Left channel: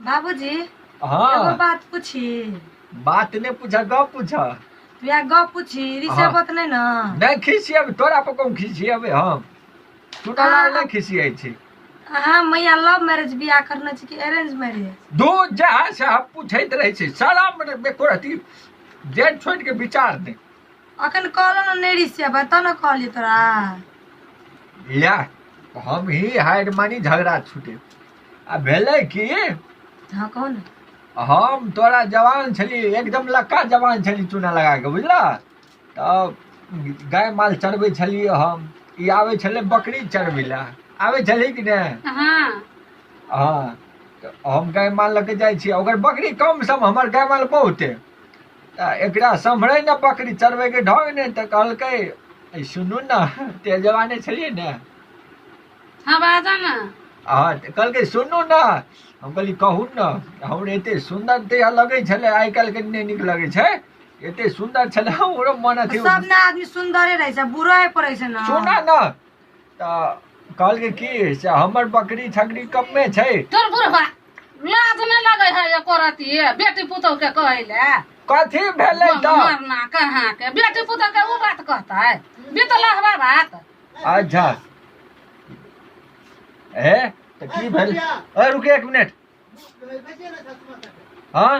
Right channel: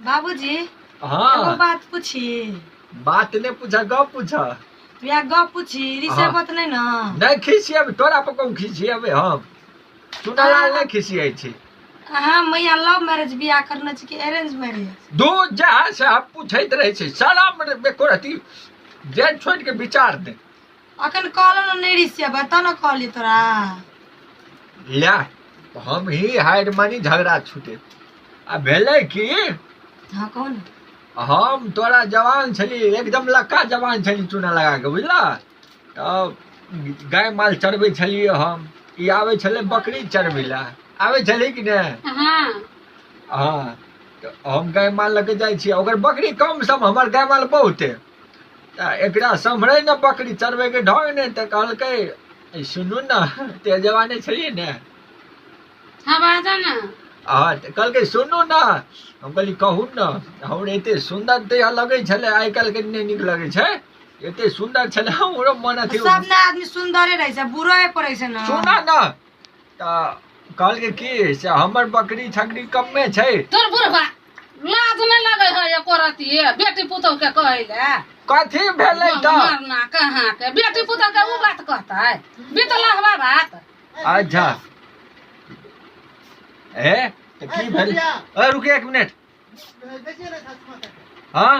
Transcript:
बाबूजी हाँ एगो बात पूछी। बात ने पूछा गप पूछा तू या गप पूछी रिसे बात नहीं ना। नहीं खिसियब तोरा पर कौन खिसियब हम सुनालाल नहीं खिसियै छी। हाँ मैया लव मैरिज बियाह करना छी कि अरेंज मैरिज। दो जहाँ से आप पूछैत रहे छी सारा बेको रहती जेन छोड़ के विचार दे अखन कहलो ना नहीं रिसे बात न कहली तोरा। ला हम ही हाइड मानी झगड़ा छूटे आ भेलै कि हाँ कौन हम तोरा जवान छली एकदम लक्का जवान छली चूना लगा के बुझला तब गाय माल चरबै छलियै हम ई आबै छलै बकरी चरबै ला आबै छलै कि नहि। हाँ तो हम गाय माल लऽ के जाइ छी ओकर बकरी कम सम हमर गाय माल बहुते एकरा सम्हरै न बकरी चरबै के ढंग ने तऽ कहलकै सुनू न ते जवाने छलियै ने। हाँ बाजा ना। हाँ तऽ कहलकै सुनू न हम कहली कहू न हमरा एते सुन्दर देह लगै छलै आइ काल्हि के नहि नीक लगै छै एते सुन्दर छलै हमरो मन अथी सब ना आदमी सुंदरे रहै छै बुरो पड़ै छै ना। सुना न तऽ कहलकै की से हमर बकरी छकरी कम्मे छै। तोर बुढ़वा लाज नहीं लगे है ये करती बेटी पुतौ के कहले कथी भेलै तऽ मरना कहाँ के बेटी पुतौ के वो बात कहता है बीतलहवा बात। अच्छा ए तऽ की भेल रुके एक मिनट हाँ